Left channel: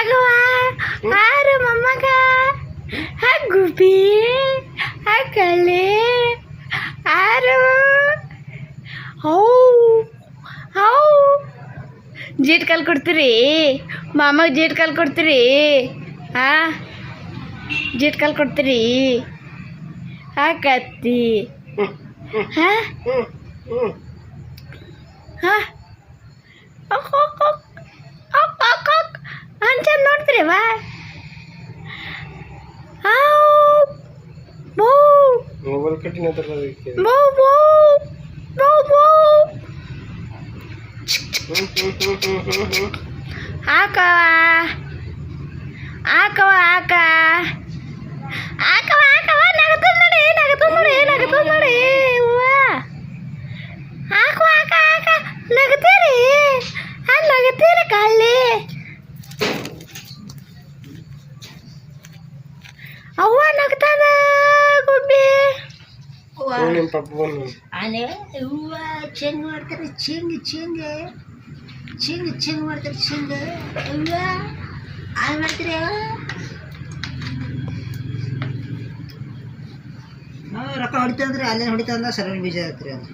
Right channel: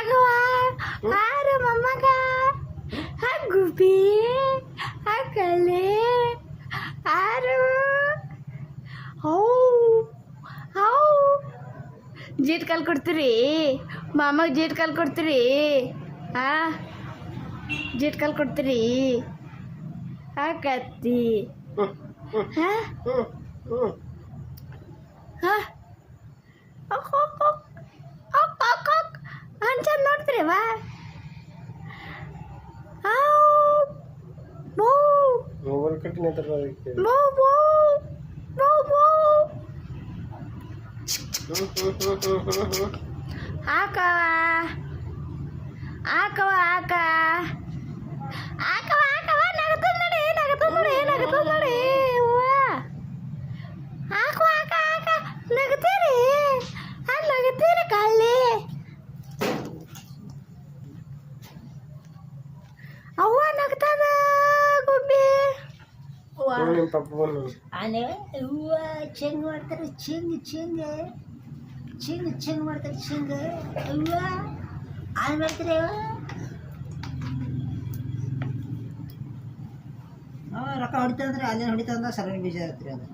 ಆಗವ ಆರು ಮೊಮ್ಮಗ ಆ ಗುಬ್ಬಿ ಆ ಕಳ್ಳೆ ಆರು ಹೌ ಹೌ ಜೀಟ್ ಕಾಲು ಕೊಡ್ತೀರಿ ಮಾಮಗೆ ಜೀಟ್ ಕಾಲು ಕೊಡ್ತೀರಿ ಜೀಟ್ ಕಾಲು ಕೊಡ್ತೀರಿ ಕತ್ತಿ ಚಂದ ನೋಡ್ತೀರಿ ವಾ ಮೊಬೈಲ್ ಕಟ್ಟಿನ ಹಾಕವ ಹಾಕವ ಹಾಕ ಹಾಕವ ಹಾಕವ ನಗತದ ನೋಡಿ ನಗತದ ನೋಡಿ ನಗತದ ನೋಡಿ ಹೂವ ಹಾಕುವ ಹಾಕ ಹಾಕ ನಗತೀರಿ ನಗತೀರಿ ಕಳ್ಳಿ ಅವ್ವ ನಗ್ತದ ಗುಬ್ಬಿ ನಿಮ್ಮ ಪಪ್ಪ ಆನೆ ಹೂವು ಚೆಂಗ್ ಮಾಡ್ತಾರೆ ಚಿಂಗ್ ಚಿಂಗ್ ಚಿಂಗ್ ಚಿಂಗ್ ಮಾಡ್ತಾರೆ ಚಿಂಗ್ ಹೂವ ಆನ್ ಮಾಡ್ತೀರಿ ರೊಕ್ಕ ಹೊಡಿತಂದ್ರೆ ಅಲ್ಲೇ ಹೊಡಿತಂದ್ರೆ ಸರಳ ಬೀಜ ಆಗ್ತೀರಿ ಅಂತ